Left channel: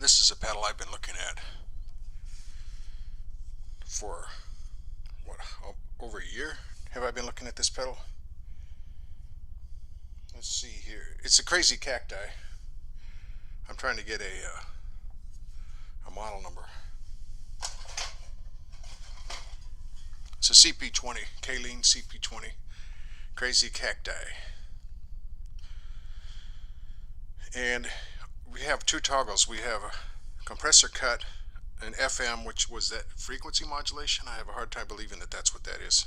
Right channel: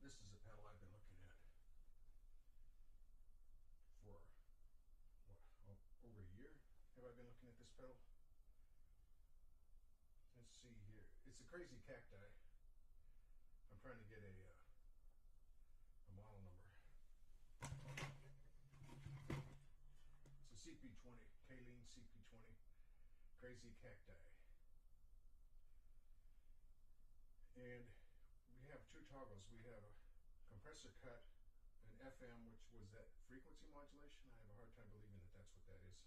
This is a pedal I've been looking at for what, over a year. Have I been looking at this pedal? Let's see here. It's a Crazy Cacti. I'm trying to get a model number. It's a CP-20, Caline CP-20, Crazy Cacti. And we have two toggles. We have a compressor cut, an FM, which was that frequency modulation. I have a hard time believing that that's what that is.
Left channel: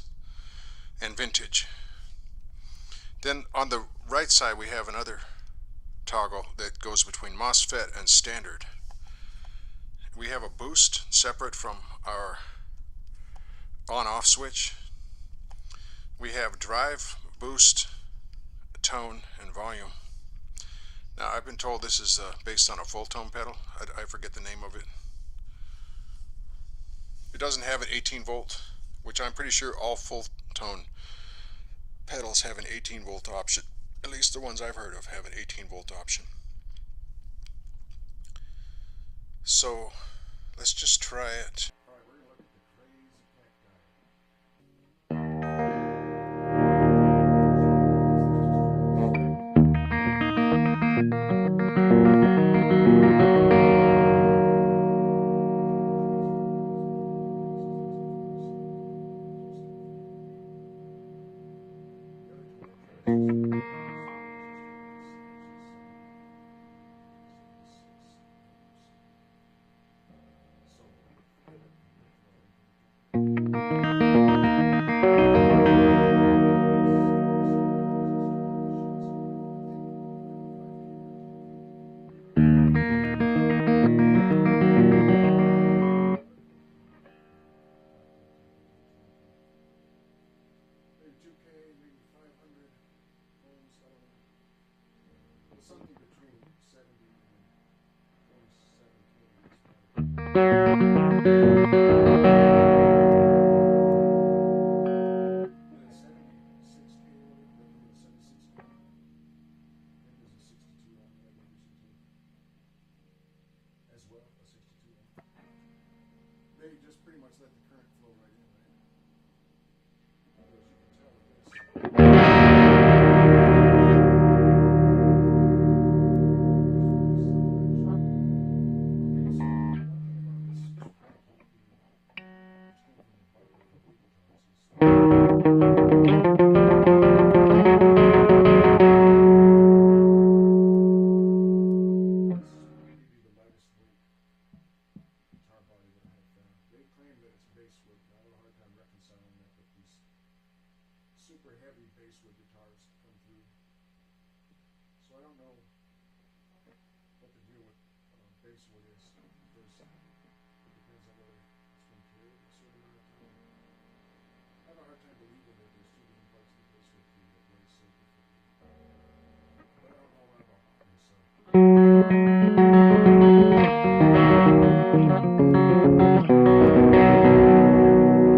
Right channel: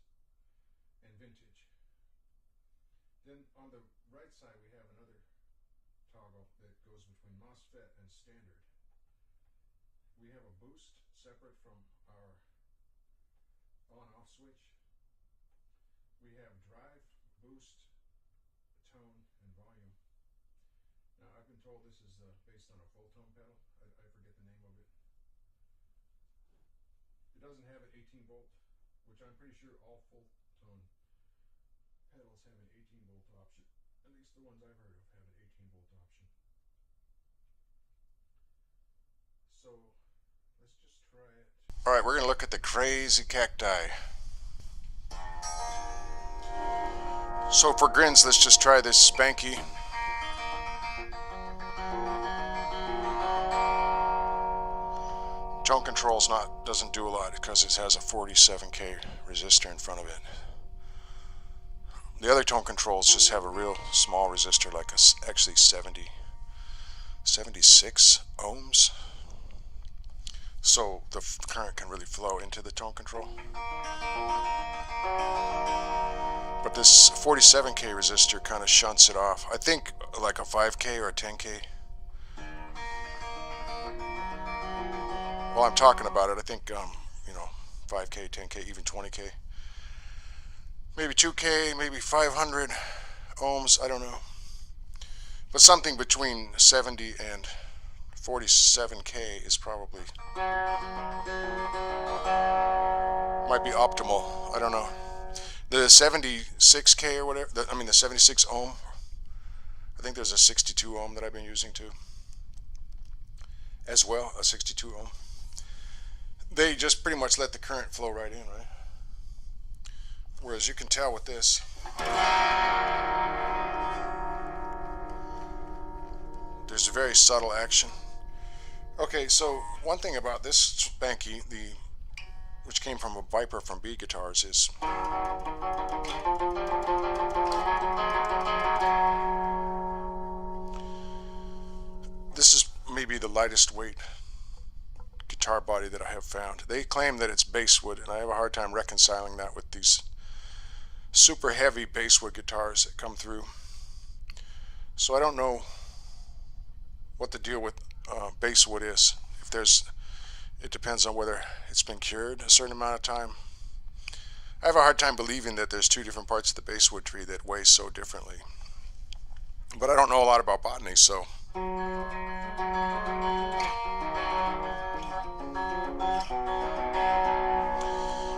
And vintage. Then on the right side we have another toggle that goes between MOSFET and standard. We have a boost separate from our on-off switch. We have drive, boost, tone, and volume. Now I've been told this is based on a full tone pedal. I forget the name of it. It doesn't have an 18 volt, which I'm pretty sure all full tone pedals have an 18 volt option. At least the ones I've heard of have an 18 volt option. So let's just try it. Alright, we're going to look at the Crazy Cacti. So for grins, let's just try this Spanky. Tone control's doesn't do a lot because it has a 47K resistor in front of it. The other tone controls just have a real small resistor, like actually 76 ohms. So the current can really flow into the tone control. But this 47K resistor kind of shunts it off. I think like a 5K or a 10K. While I'm talking about it, I think 5K, 10K, even 20K. Maybe 2K, maybe 500 ohms, I don't know. But something between 70 and 47K is probably, might be optimal, I don't know. The 76K or whatever, the 76 ohm, I think there's a 62 ohm that I've been using too. As well, a 62 ohm. They just pretty much let the current flow right in, right? Whereas you can tell with this, there's a very subtle action. Okay, so one thing about this Spanky, which came from a Viper from B Guitars, is this is maybe the lightest weight guitar body that I have found. They claim that it's basswood, and I have a hard time reconciling that with these super heavy basswood guitars that come through. So I don't know what the deal with basswood is. It depends on whether it's been cured a certain amount of time. I have a hard time believing that there's two different parts of the basswood tree that weigh so differently. But I don't know a lot about botany, so.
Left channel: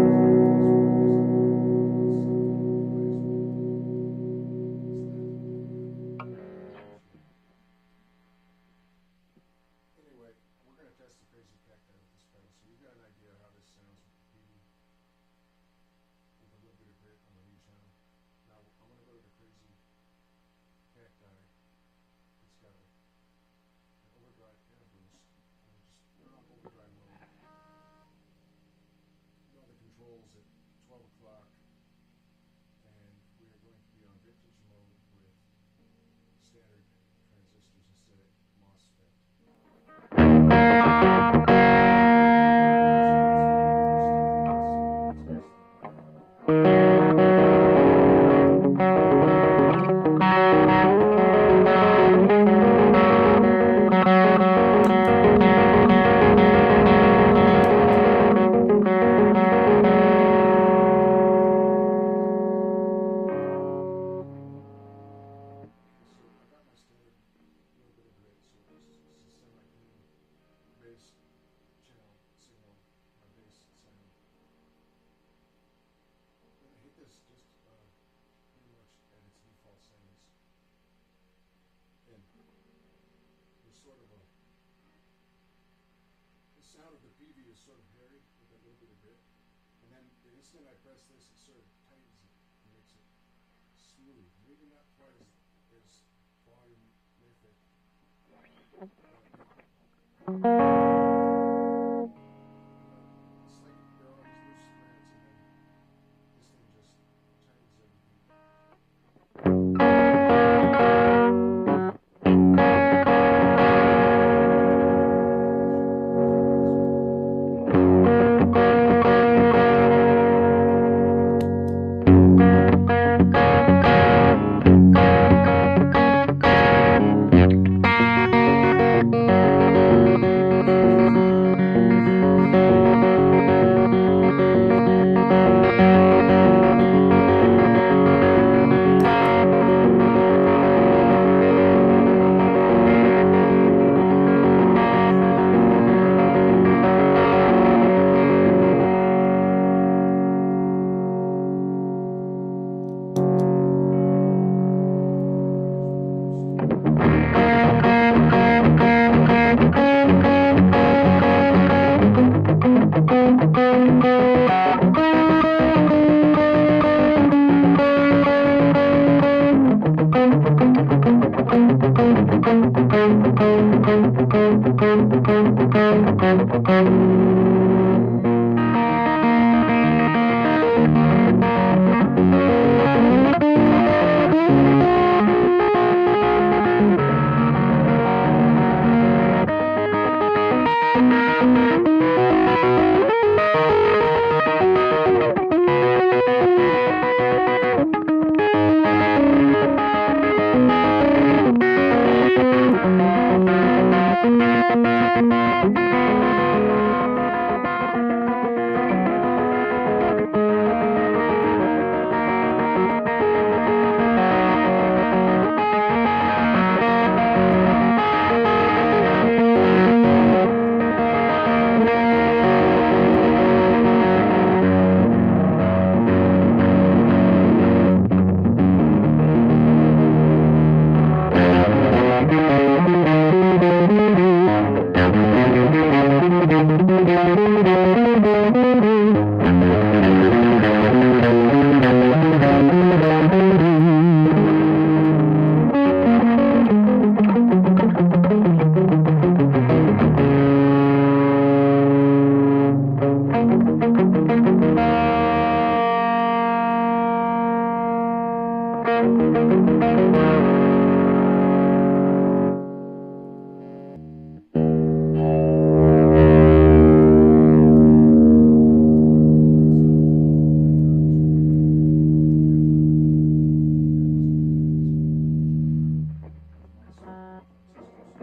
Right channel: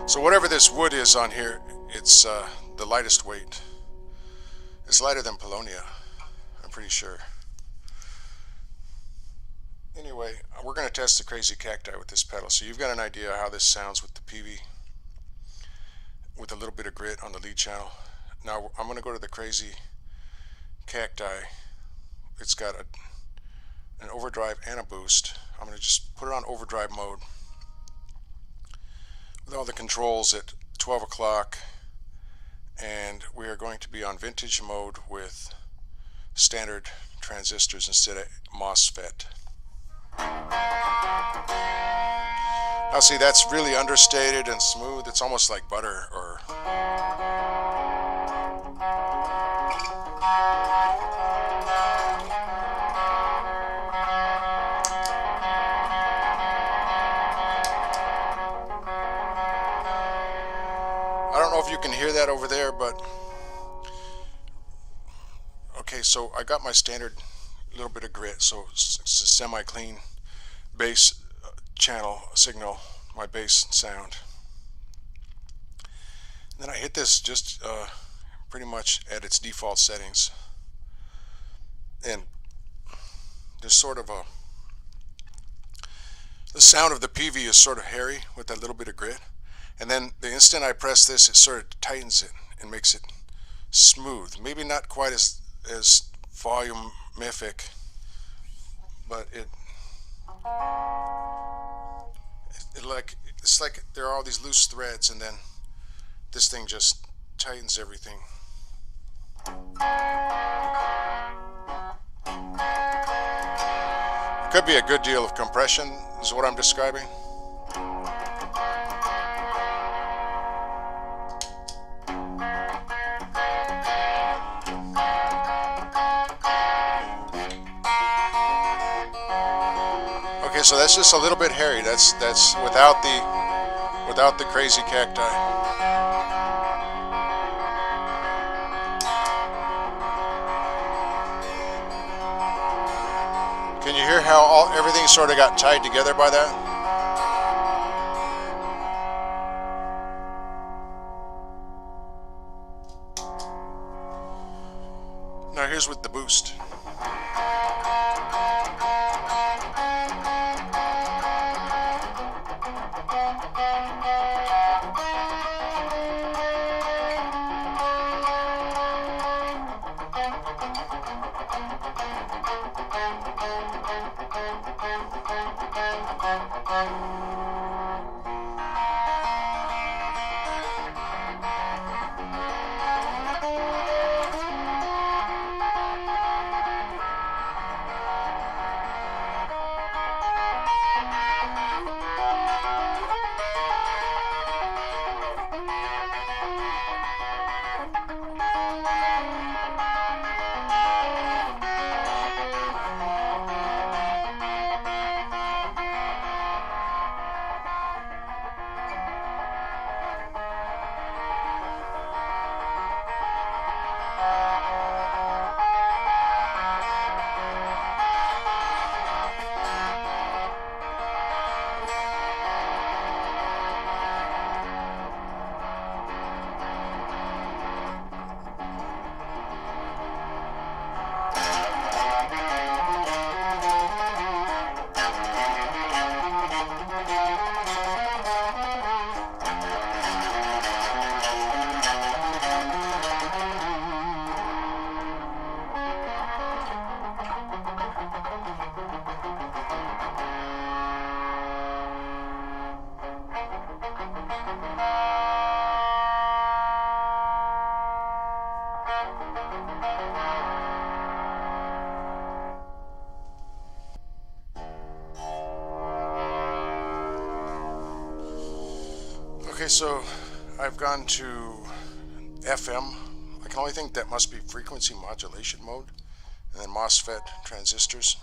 So whatever this wood is on here, it's the lightest weight. It's lighter than Polonia, I'm pretty sure. Anyway, we're going to test the Crazy Cacti with this pedal, so you've got an idea how this sounds with the PV, with a little bit of grit on the lead channel. Now I'm going to go to the Crazy Cacti. It's got an overdrive and a boost. I'm going to just put it on overdrive mode with all the controls at 12 o'clock, and we are going to be on vintage mode with standard transistors instead of MOSFET. Now see, that's really understated and smooth. It's almost like butter or so I got my standard little bit of grit, so it's a semi-clean bass channel signal, my bass sound. And then I hit this just pretty much at its default settings, and there's sort of a The sound of the PV is sort of hairy with that little bit of grit, and then the instant I press this, it sort of tightens it and makes it smooth. Maybe not quite as volumific, but it's like there are all these loose threads, and then this thing just tightens everything. It could be a good deal of compression, is what I'm describing. Okay, so that's just a little bit hairy. That's without the crazy cacti. How everything sort of got tied together by that? Now here's with the boost. FM. I can only think that must be frequency modulation mode, and then MOSFET transistors.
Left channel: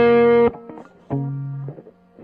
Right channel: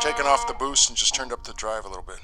Taken off the boost and just turned up the drive a little bit.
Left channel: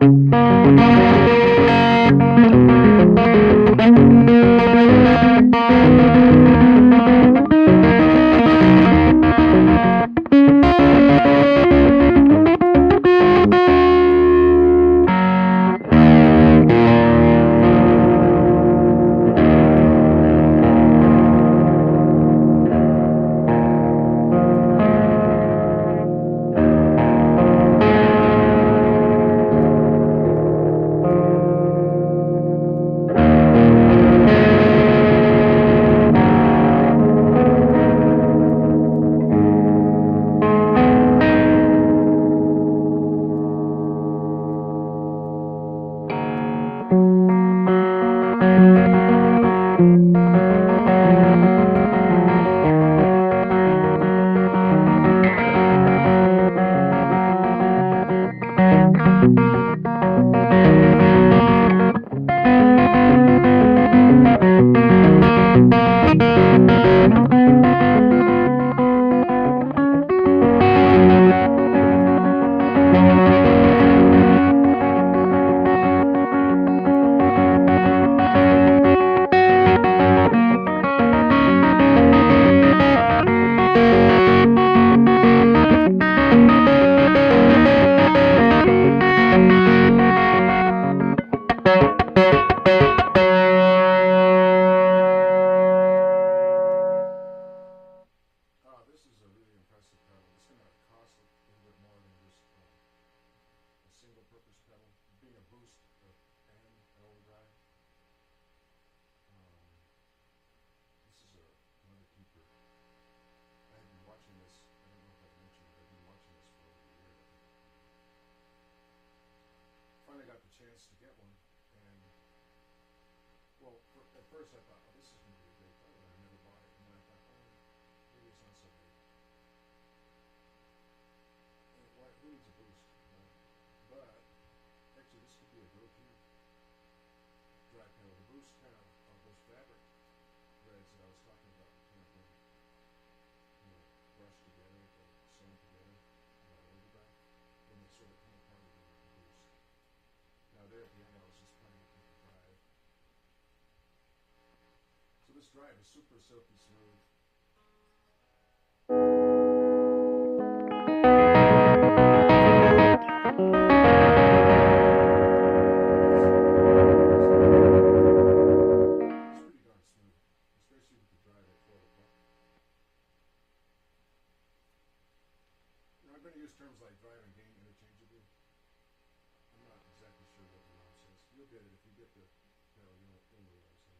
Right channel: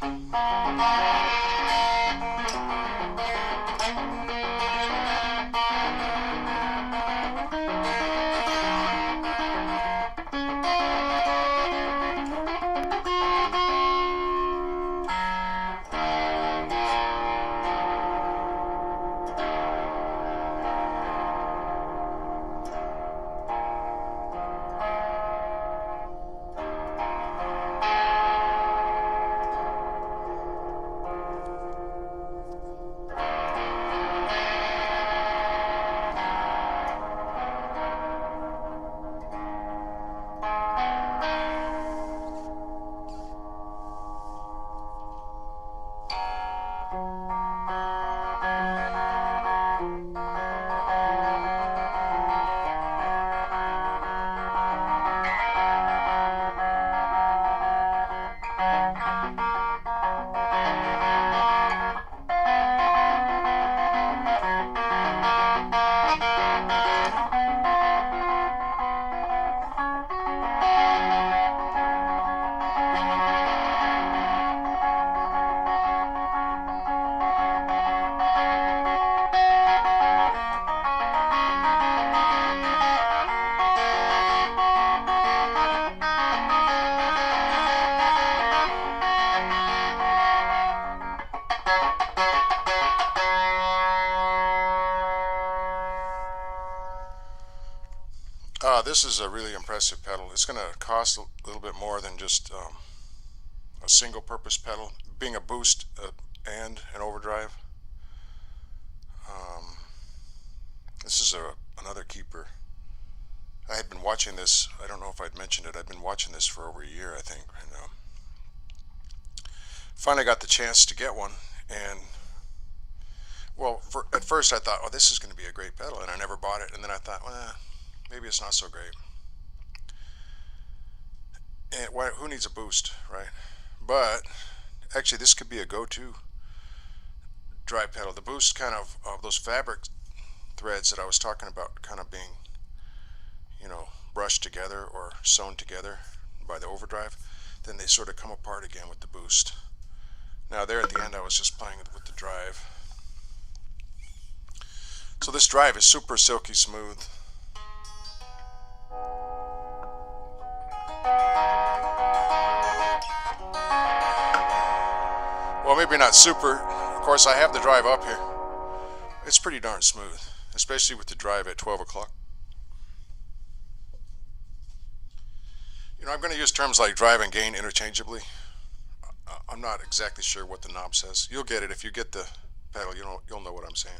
This is a really impressive impressive pedal. It's going to cost a little bit more than just a single purpose pedal, being a boost and an overdrive. This is another keeper. I had been watching this, I don't know if I'd mentioned it, I'd been watching this for over a year, I think, and finally got the chance to get one. And well, at first I thought, oh, this is going to be a great pedal, and I never bought it. And then I thought, well, maybe it's not so great. And who needs a boost, right? But actually, this could be a go-to drive pedal. The boost kind of those fabric threads that I was talking about, kind of being, you know, brushed together or sewn together by the overdrive, then they sort of come apart again with the boost. Now there at the end I was just playing with the drive. So this drive is super silky smooth. Well, maybe not super. Of course, I have the drive up here. It's pretty darn smooth, especially with the drive at 12 o'clock. You know, I'm going to use terms like drive and gain interchangeably. I'm not exactly sure what the knob says. You'll get it if you get the pedal. You'll know what I'm saying.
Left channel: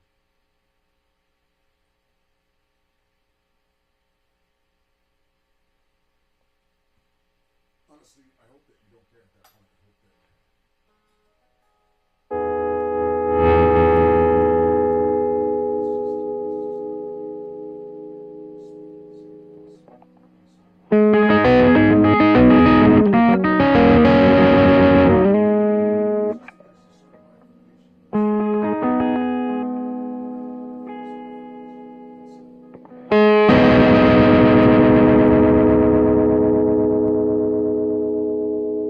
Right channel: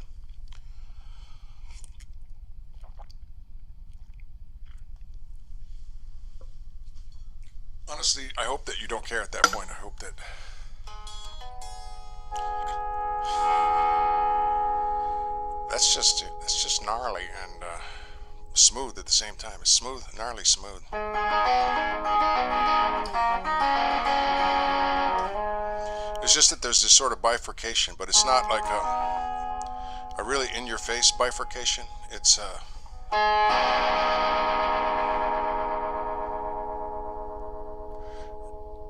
Honestly, I hope that you don't care at that point. I hope that it's just gnarly and smooth at the same time. It's smooth, gnarly smooth. It's just that there's this sort of bifurcation, but it's not like a really in-your-face bifurcation. It's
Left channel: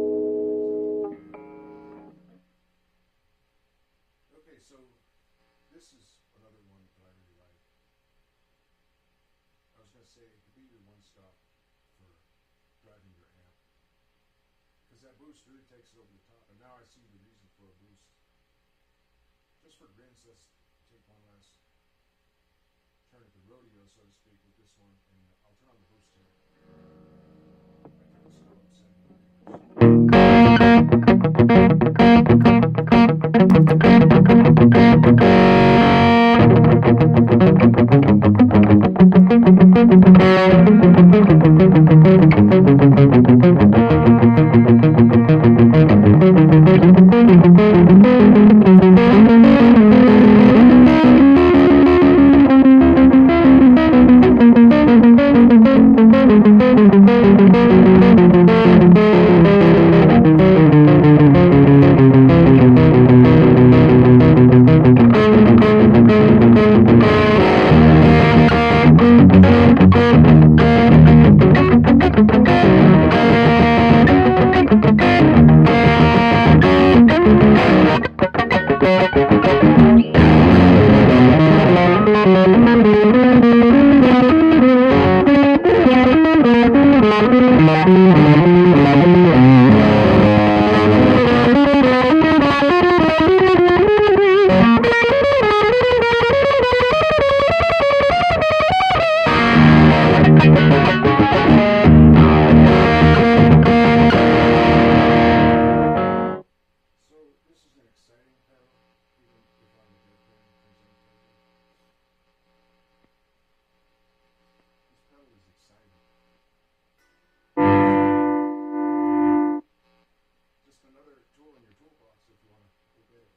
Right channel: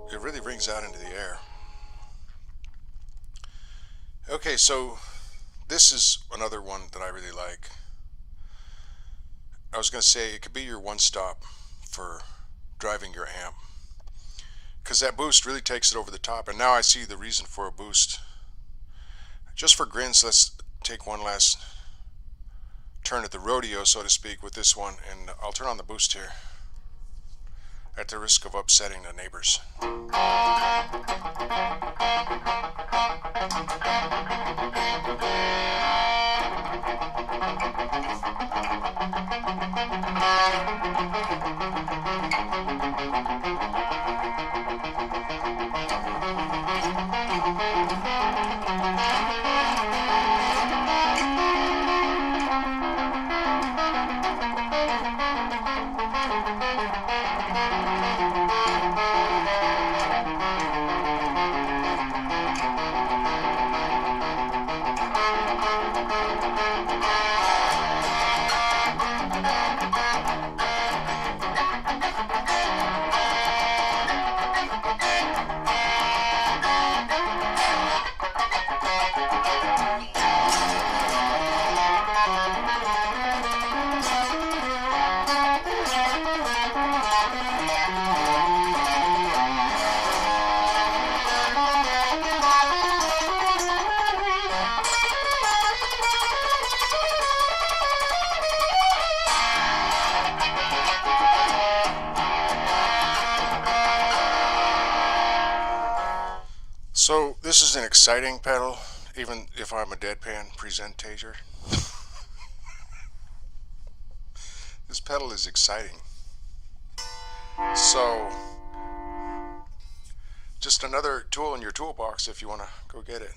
it really rings out into the air. Okay, so this is another one that I really like. I was going to say it could be your one-stop for driving your amp, because that boost really takes it over the top. And now I see the reason for a boost. Just for grins, let's take one last turn at the rodeo, so to speak, with this one, and I'll turn on the boost here at the risk of upsetting the neighbors. So this is an exciting pedal, even if I'm a deadpan presentator. This pedal is exciting. So just another tool in your toolbox if you want to go get it.